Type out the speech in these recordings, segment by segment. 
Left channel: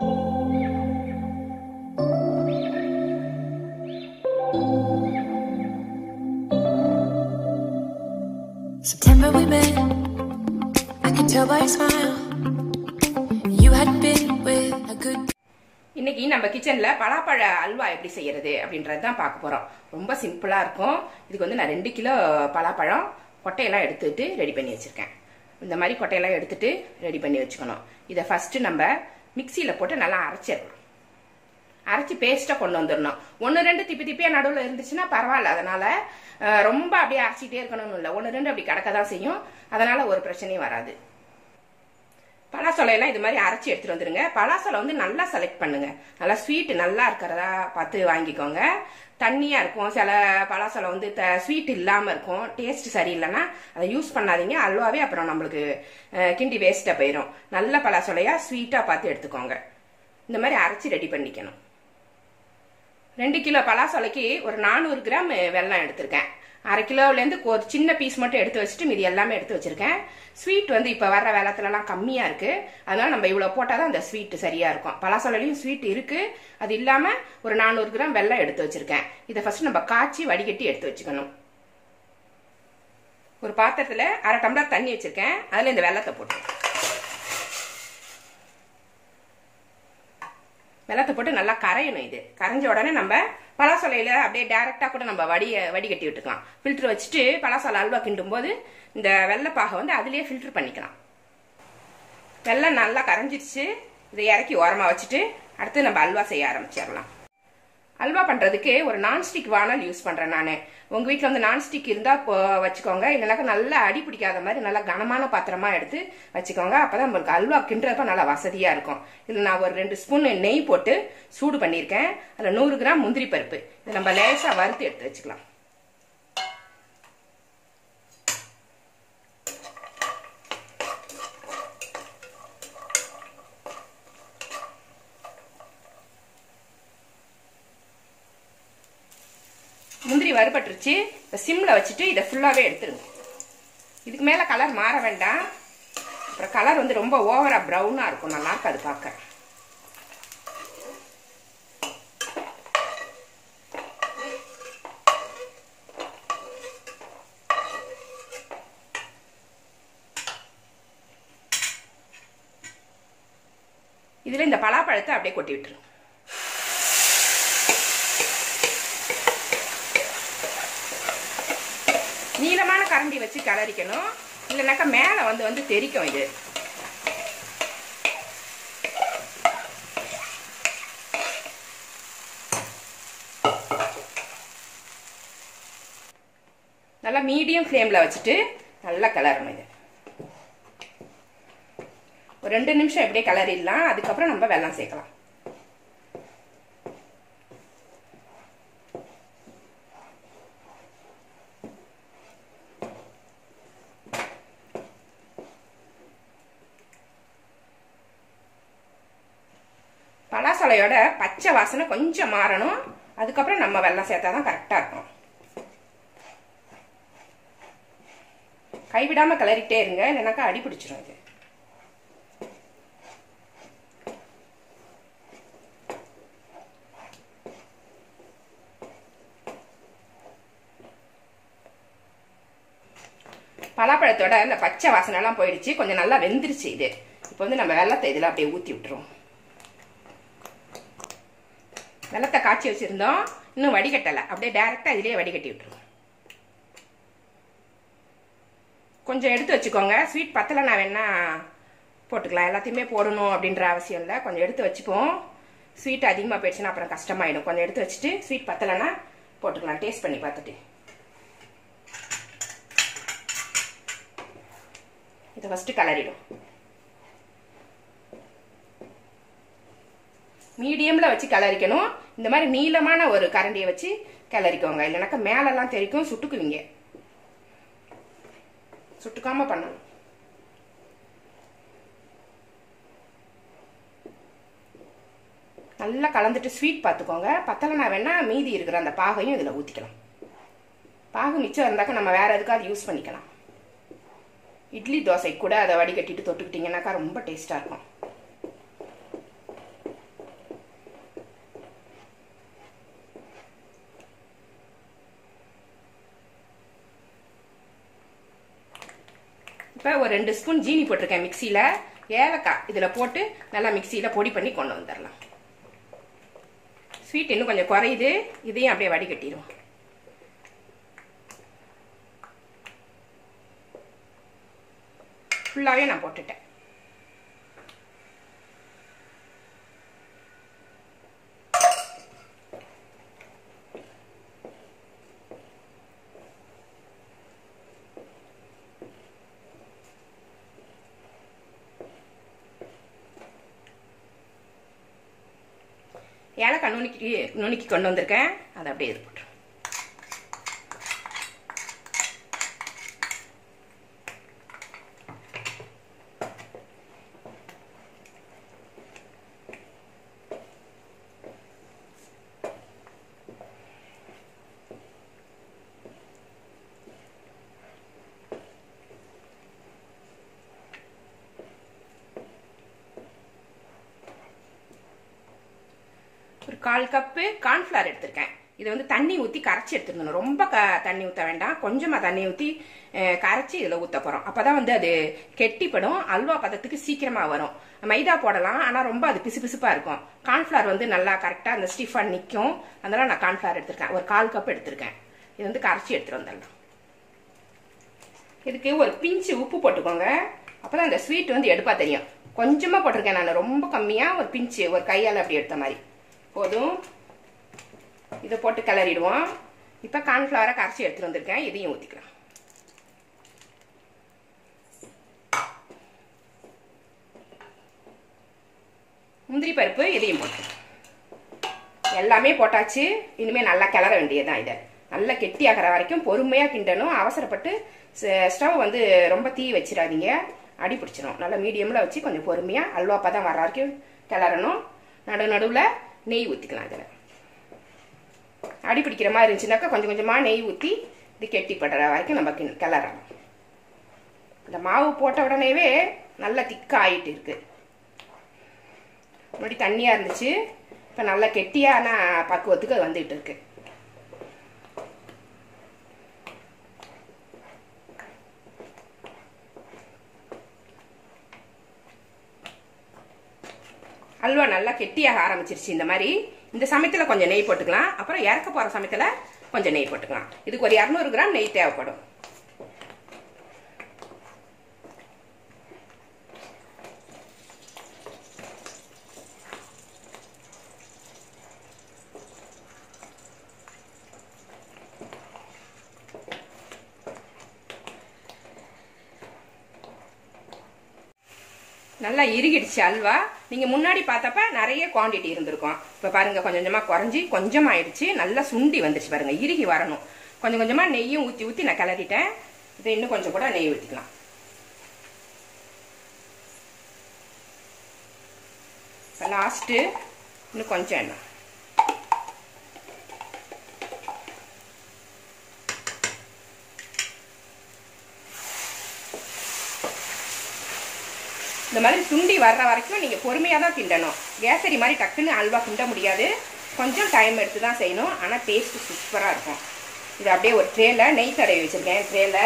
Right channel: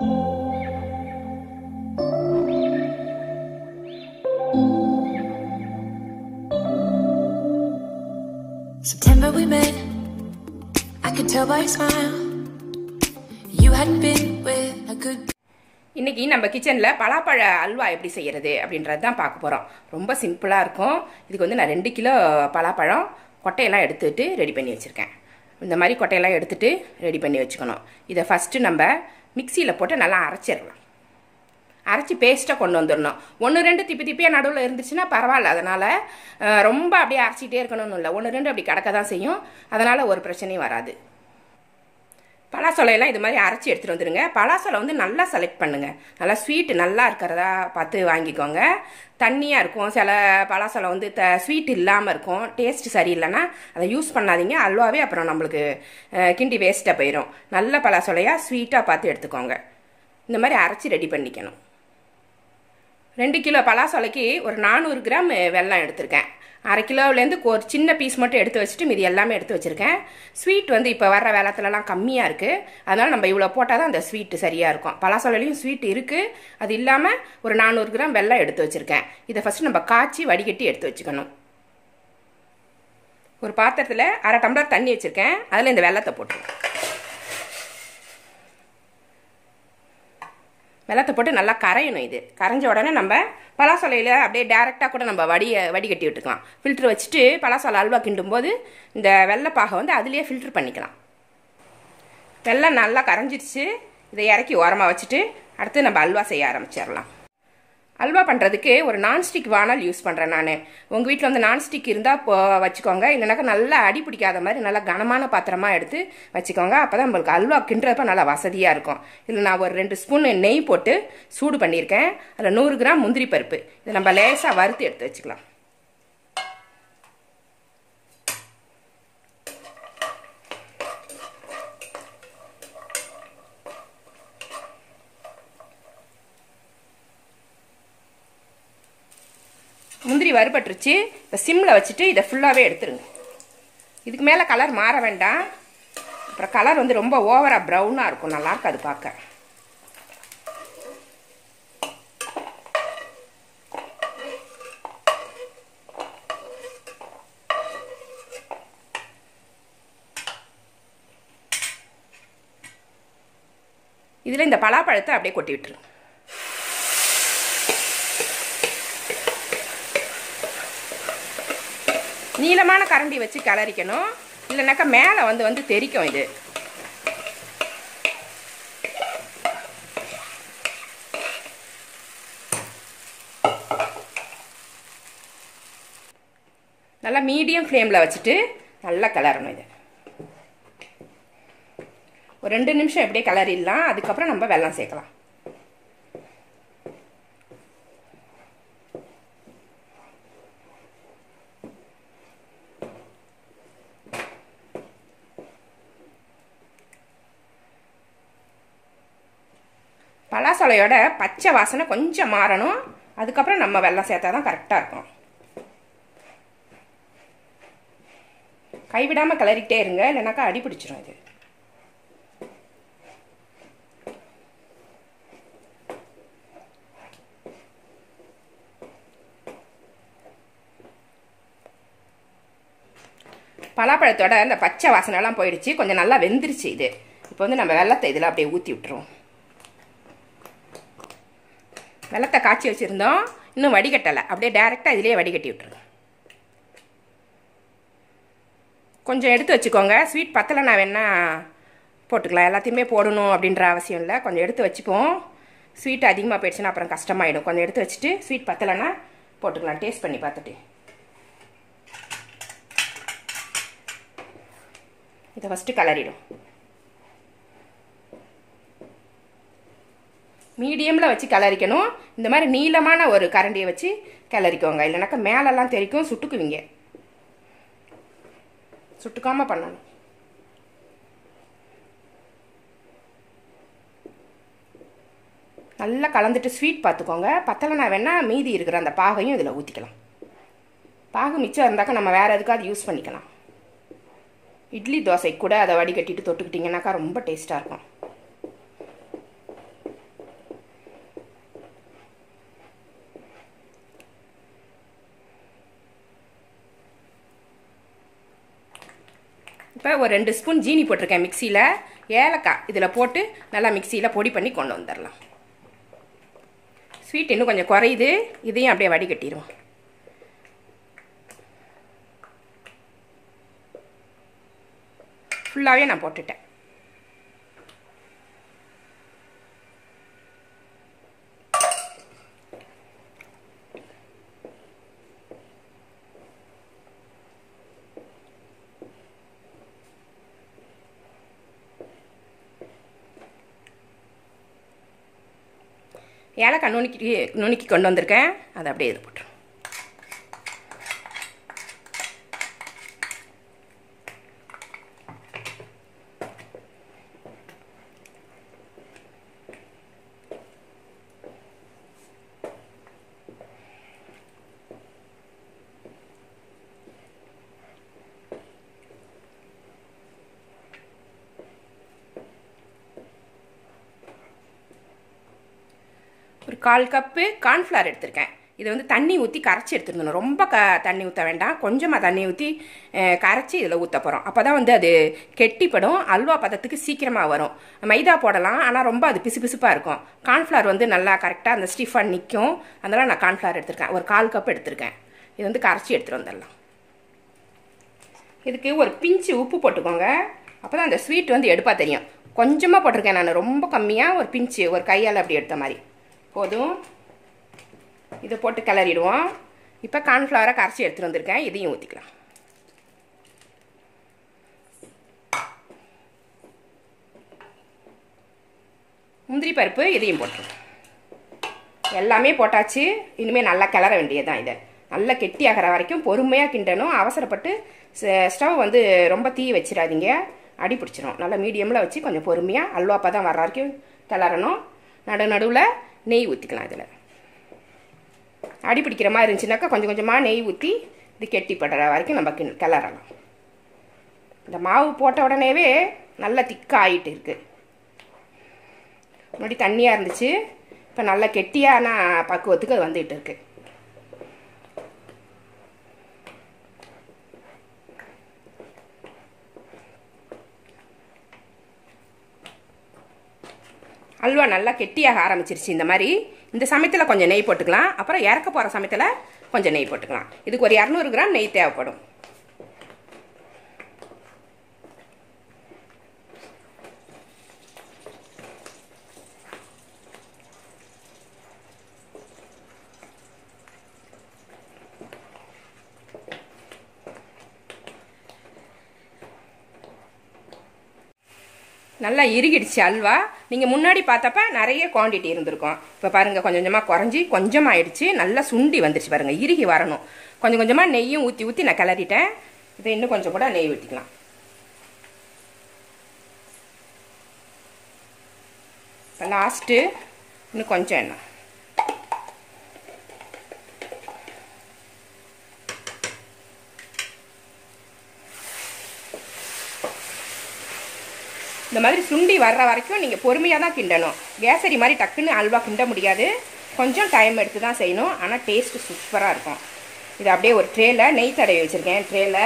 September we met, I could tell by your smile you hadn't been with a good. இன்னைக்கு நம்ம கிச்சன்ல பலாப்பழ அல்வா எப்படி செய்யறது அப்படின்றது தான் பார்க்க போறோம். ரொம்ப சிம்பிளா இருக்கும். இதுக்கு வந்து நான் 2 கிலோ பலாப்பழம் கொட்டையெல்லாம் எடுத்துட்டு ரெடி பண்ணி வச்சிருக்கேன். இந்த மாதிரி கொட்டையெல்லாம் எடுத்துட்டு ரெடி பண்ணி வச்சுக்கணும். இதை ஃபர்ஸ்ட் நம்ம மிக்சியில போட்டு நல்லா அரைச்சிடலாம். அரைச்சி பேஸ்ட்டாக கொண்டு வந்துடணும். 1-2 திப்பியாக நடுவில் இருந்துச்சுன்னா பரவாயில்ல. அதனால ரொம்ப அப்படியே அரைச்சிட்டே இருக்கணும்னு இல்லை. 1-2 அப்படி கடக்க தான் செய்யும். அதனால ஒரு பிரச்சனையும் வராது. பலாசொலையெல்லாம் இது மாதிரி அரைச்சி எடுத்துட்டு வந்துடுங்க. பலாசொலை வந்து நல்லா செலக்ட் பண்ணுங்க. நல்லா ஸ்வீட் நல்லா இருக்கிறதா பார்த்து வாங்கிக்கோங்க. தண்ணியாக இருக்கும். சில பலாசொலை வந்து ஸ்வீட் இல்லாமல் இருக்கும். டேஸ்ட் சரியில்லைன்னா அதை யூஸ் பண்ணாதீங்க. அல்வாவே அப்புறம் நம்மளுக்கு கிண்டி வேஸ்ட்டாக போயிடும். நல்ல பலாசொலையாக ஸ்வீட்டாக பார்த்து எடுத்துக்கோங்க. இந்த மாதிரி அரைச்சி ரெடி பண்ணிக்கணும். 2 கிலோ பலாசொலைக்கு ஒரு 400 கிராம் வெல்லம் எடுத்திருக்கேன். 1/2 கிலோவிலேருந்து ஒரு சின்ன பீஸ் மட்டும் எடுத்து வச்சுட்டு மீதி எல்லாமே எடுத்து வச்சிருக்கேன். ஸ்வீட் வந்து இப்போ வர்ற வெள்ளத்துலலாம் கம்மியாக இருக்குது. அதனால நம்ம இவ்வளோ போட்டால் தான் அந்த ஸ்வீட் சரியாக இருக்கும். பலாசொலையிலையும் ஸ்வீட் இருக்குது. அது இல்லாமல் ஒரு 400 கிராம் வெல்லம் எடுத்து வச்சிருக்கேன். இதை ஃபர்ஸ்ட் நம்ம காய்ச்சி வடிகட்டி எடுத்து வச்சுக்கணும். ஒரு பாத்திரத்தில் 1/2 டம்ளர் தண்ணி வச்சிருக்கேன். அதில் இந்த வெல்லத்தை போட்டு வெள்ளத்தை போட்டு நல்லா கரையணும். இது கரைஞ்ச உடனே நம்ம பலாசொலையில அப்படியே டைரக்டா கூட நம்ம வடிகட்டி விட்டுக்கலாம். ஃபில்டர் வச்சுட்டு பலாசொலை அல்வா கிண்டும் போது இந்த வெள்ளைப்பாகை வந்து அதுலயே ஃபில்டர் பண்ணிக்கலாம். வெள்ளம் நல்லா கரைஞ்சிடுச்சு. இதை இறக்கி ஓரமா வச்சுட்டு அடுத்து நம்ம அல்வா செய்ய ஆரம்பிச்சிடலாம். அல்வா பண்றதுக்கு ஒரு நான்ஸ்டிக் வானல் யூஸ் பண்றேன் நான். உங்க வீட்டில் வந்து நான்ஸ்டிக் இருந்தா வச்சுக்கோங்க. இல்லைனாக்கா நல்லா அடி பிடிக்காத மாதிரி நல்லா கனமான பாத்திரமா எடுத்து வச்சுக்கோங்க. அப்பதான் நம்மளுக்கு அல்வா கிண்டுறப்ப நல்லா வசதியா இருக்கும். இதில் நான் ஒரு 2 ஸ்பூன் நெய் போட்டு சூடு பண்ணியிருக்கேன். அதில் 100 கிராம் முந்திரி பருப்பு இதை நம்ம லேசா வறுத்து எடுத்து வச்சுக்கலாம். முந்திரி வறுபட்டுருச்சு. இப்போ சிம்மில் வச்சுட்டு இதை ஃபுல்லாகவே எடுத்துருங்க. இதுக்கு மேலே கலர் மாற வேண்டாம். அப்புறம் கலர் வந்து ரொம்ப ஓவராக ப்ரௌனாக இருக்கும். நல்லா இருக்காது பார்க்க. இதில் இந்த பலாப்பழத்தை அப்படியே கொட்டி விட்டுருங்க. நீளமான கரண்டி வச்சு கிளறிக்கணும். இல்லைனாக்கா மேலே வந்து தெரிக்கும். இது நல்லா மீடியம் ஃப்ளேமில் வச்சுட்டு நல்லா கிளறணும். இது ஒரு 2 நிமிஷம் எப்படியே கிளறிடலாம். அதுக்கப்புறம் நம்ம வெல்லம் சேர்க்கலாம். பலாசொலையோட பச்சை வாசனை கொஞ்சம் மாறணும். அதுக்கப்புறம் நம்ம வெல்லம் சேர்த்தாதான் கரெக்டா இருக்கும். கைவிடாம கிளறிக்கிட்டே இருங்க. இல்லைனாக்கா அடி பிடிச்சிரும். இது பலாப்பழத்தோட அந்த பச்சை வாசனை எல்லாம் போயிடுச்சு. கொஞ்சம் நல்லா வெந்துருச்சு. இது இப்போ வந்து நம்ம வெல்லத்தை இதில் அப்படியே ஊற்றி விட்டுருவோம். வெல்லத்தை காய்ச்சி வச்சிருந்தோம். இன்னும் வடிகட்டலை. அப்படியே டைரக்டா இதிலேயே வடிகட்டி விட்டுருவோம். கொஞ்சம் எடுத்து வச்சுக்கோங்க. ஸ்வீட் பத்தலைன்னா வேணா போட்டுக்கலாம். எல்லாத்தையுமே போடணும் அப்படின்ற அவசியம் இல்லை. கொஞ்சம் எடுத்து வச்சுப்போம். ஸ்வீட் அதிகமாக போயிடுச்சுன்னா அப்புறம் கஷ்டமாயிடும். கொஞ்சம் எடுத்து வச்சுட்டு ஸ்வீட் பத்தலைன்னா போட்டுக்கலாம். டேஸ்ட் பண்ணி பார்த்துட்டு இதை ஃபர்ஸ்ட் கலரிடும். மீடியம்ல வச்சு கிளறிக்கணும். இந்த மாதிரி நீளமான ஒரு கரண்டியை வச்சு கிளறிக்கோங்க. இல்லைனாக்கா மேலெல்லாம் தெரிக்கும். சுட்டுக்குவீங்க. சுட்டுக்காம பண்ணணும். நல்லா கலந்துட்டு ஸ்வீட் பார்த்துக்கோங்க. பத்தலைனா வேணா மீதி இருக்கிற அந்த பாகையும் இதில் ஊற்றிக்கலாம். பாகு மிச்சம் இருந்தாக்கா நம்ம வேற எதுக்காவது யூஸ் பண்ணிக்கலாம். இட்லி தோசை கூட அதை வடிகட்டிட்டு தொட்டுக்கிட்டீங்கன்னாக்கா ரொம்ப டேஸ்டா இருக்கும். இப்போ ஒரு 2 ஸ்பூன் ஜீனி போட்டிருக்கேன் மிக்சியில். ஏலக்காய் இதில் போட்டு நல்லா மிக்சியில் பொடி பண்ணி கொண்டு வந்துடலாம். ஸ்வீட் இன்னும் கொஞ்சம் குறையுது, இதையும் அப்படியே வடிகட்டிடுவோம். ஃபுல்லாகவே நான் போட்டுட்டேன். ஏலக்காய் நுணுக்கி கொண்டு வந்திருக்கேன், அதை அப்படியே இது போட்டுருவேன். ஒரு 1/4 கப்பு கார்ன்ஃப்ளவர் எடுத்திருக்கேன். இது வந்து தண்ணி ஊற்றி கரைச்சி எடுத்துருந்தோம். ரொம்ப தண்ணி ஊற்ற வேண்டாம், கொஞ்சமாக தண்ணி ஊற்றி கரைச்சி இதில் ஊற்ற போகிறோம். அப்போ தான் வந்து அது கெட்டிப்படும், அல்வா பதத்துக்கு சீக்கிரமாக வரும். மைதா போடலாம், ஆனால் ரொம்ப அது பிசு பிசுப்பாக இருக்கும். கார்ன்ஃப்ளவர் வந்து நல்லா கரெக்டாக அந்த ஸ்டிஃபாக நிற்கும். அதனால் நான் கார்ன்ஃப்ளவர் எடுத்திருக்கேன். ஒரு 1/4 கப் எடுத்திருக்கேன். இது வந்து கரைச்சி எடுத்துகிட்டு வந்துடலாம். இதுக்கு ஒரு பிஞ்சு உப்பு போட்டுக்கோங்க, அப்போ தான் அந்த ஸ்வீட் வந்து எடுப்பா தெரியும். கொஞ்சமாக போட்டிருக்கேன் நான், ரொம்ப கம்மியாக, ஒரு பிஞ்சு, ஒரு கையால் அப்படி எடுத்த மாதிரி போதும். இதை போட்டு கிளறிடுவோம். இப்போ கார்ன்ஃப்ளவரை கரைச்சி எடுத்துட்டு வந்திருக்கேன், இதையும் ஊற்றிக்கலாம். முந்திரி பருப்பு இதையும் போட்டு எல்லாமே போட்டாச்சு. இனிமேல் நல்லா கிளற வேண்டியதுதான். இதை நல்லா கெட்டி ஆகிற வரைக்கும் பொறுமையாக கிண்டணும். அவசரப்பட்டு ஸ்டவ் வந்து ரொம்ப தீ வச்சிடாதீங்க, அடி பிடிச்சிடும். நல்லா மீடியமில் வச்சு கொஞ்சம் பொறுமையாக அல்வா பதம் வர்ற வரைக்கும் கிளறணும். நடுவில் நெய் ஊற்றிக்கலாம். இதில் அடி பிடிக்கிற மாதிரி இருந்துச்சுனாக்கா கொஞ்சம் கொஞ்சமாக நெய் ஊற்றி இது கெட்டிப்படுற வரைக்கும் நம்ம கிளறலாம். இந்த மாவு போட்ட உடனேவே நல்லா திக்காக ஆகிட்டு இருக்கு. முன்னாடி தண்ணியாக இருந்துச்சு, இப்போ நல்லா கெட்டியான பக்குவத்துக்கு அது வந்துட்டு இருக்கு. அல்வா நல்லா கெட்டியாக ஆரம்பிச்சிருச்சு. இந்த மாதிரி இந்த சமயத்தில் கொஞ்சம் நெய் போட்டுக்கலாம். அப்புறம் இறக்க போகிற சமயத்தில் கொஞ்சம் நெய் போட்டுக்கலாம். இதுக்கு ஒரு 200 கிராம் நெய் தேவைப்படும். நல்லா இறுகிடுச்சு அல்வா. நீங்க முன்னாடி பார்த்தப்ப நிறைய குவாண்டிட்டி இருந்திருக்கும். இப்ப பாருங்க கொஞ்சம் கொஞ்சமா குறைஞ்சி கொஞ்சம் ஆயிடுச்சு. நல்லா சுண்டி வந்துருச்சு பாருங்க, இறுகி வரணும். கொஞ்சம் கொஞ்சமா நெய்யும் ஊற்றி ஊற்றி நான் கிளறிட்டேன். இதை இன்னும் கொஞ்சம் கூட நெய் ஊற்றிக்கலாம். லாஸ்ட்டு இன்னும் கொஞ்சம் எண்ணெய். இந்த மாதிரி சுண்டி வர்ற வரைக்கும் நீங்கள் பொறுமையாக தான் கிண்டணும். கேசரி மாதிரி டக்குன்னு அல்வா கிண்ட முடியாது, கொஞ்சம் டைம் எடுத்து தான் செய்யணும். ஆனால் டேஸ்ட்டு சூப்பராக இருக்கும். இது அப்படியே ஒரு ட்ரேல நெய் தடவி வச்சுருக்கேன், ட்ரேல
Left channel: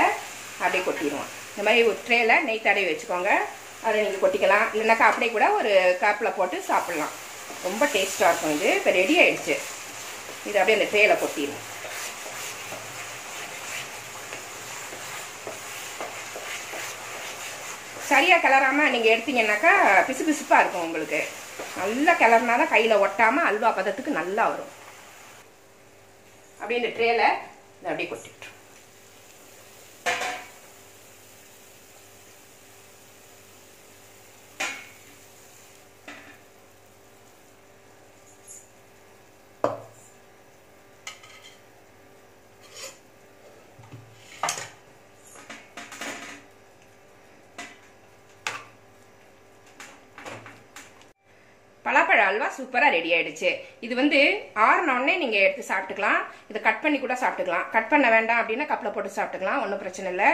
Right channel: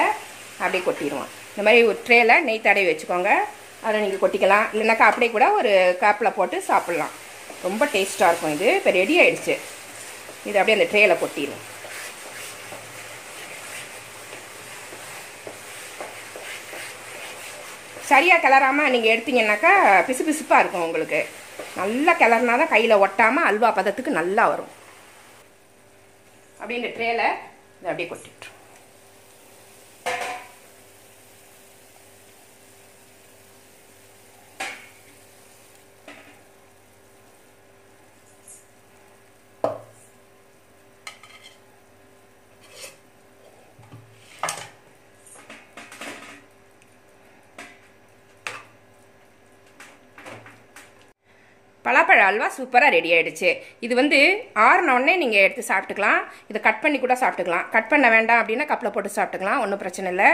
அப்படியே கொட்டிடுவோம். இந்த மாதிரி ஒரு ட்ரேல நெய் தடவி வச்சுக்கோங்க, அதை நீங்கள் கொட்டிக்கலாம். இல்லைனாக்கா அப்படியே கூட ஒரு கப்பில் போட்டு சாப்பிட்லாம். ரொம்ப டேஸ்ட்டாக இருக்கும். இது இப்போ ரெடி ஆயிடுச்சு. இது அப்படியே அந்த ட்ரேல கொட்டிடுவோம். சரியாக கிளறாமல் நீங்கள் எடுத்தீங்கன்னாக்கா பிசு பிசுப்பாக இருக்கும் உங்களுக்கு. நல்லா கிளறினா தான் கையில் ஒட்டாமல் அல்வா பதத்துக்கு நல்லா வரும். அப்படியே இந்த ட்ரேல இதை அப்படியே கொட்டிட்டு பலாப்பழ அல்வா சூப்பரா ரெடி ஆயிடுச்சு. இது வந்து ஆறுனோடனே நீங்க எடுத்து சாப்பிட்டுக்கலாம். இதை கட் பண்ணி கூட சாப்பிட்டுக்கலாம். கட் பண்ண வேண்டாம் அப்படின்னா கப்ல போட்டு சாப்பிட்டுக்கலாம், ஒன்றும் பிரச்சனை இல்லை.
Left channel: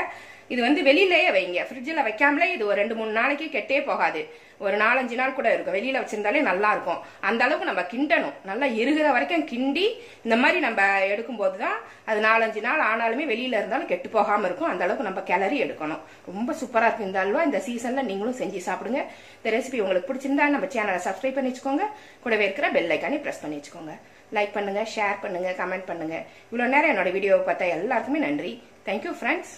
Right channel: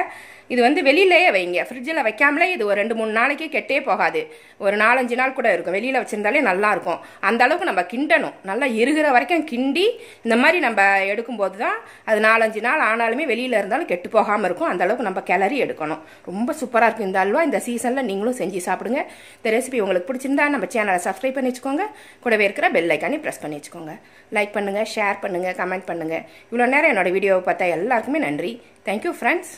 இது வந்து வெளியிலேயே வைங்க, ஃப்ரிட்ஜில் வைக்காமலே இது ஒரு 2-3 நாளைக்கு கெட்டே போகாது. ஒரு 4-5 நாள் கூட இருக்கும். வெளியில வச்சிருந்தாலே நல்லா இருக்கும். அந்த அளவுக்கு நம்ம கிண்டணும், நல்லா எருகிற வரைக்கும் கிண்டி இந்த மாதிரி நம்ம எடுக்கும்போது தான் அது 4-5 நாள் ஆனாலுமே வெளியில இருந்தாலும் கெட்டு போகாம இருக்கும். அந்த அளவுக்கு நம்ம கிளறி எடுக்கணும். ரொம்ப சூப்பரா இருக்கும் இந்த அல்வா. இந்த சீசன்ல நீங்களும் செஞ்சு சாப்பிடுங்க. இந்த ரெசிபி உங்களுக்கு பிடிச்சிருந்தா நம்ம சேனலை சப்ஸ்கிரைப் பண்ணி வச்சுக்கோங்க. கூடவே இருக்கிற பெல் ஐக்கானே பிரஸ் பண்ணி வச்சுக்கோங்க. லைக் பண்ணுங்க, ஷேர் பண்ணுங்க, கமெண்ட் பண்ணுங்க. இவ்வளவு நேரம் என்னோட வீடியோவை பார்த்தா எல்லாருக்குமே நன்றி. Thank you friends.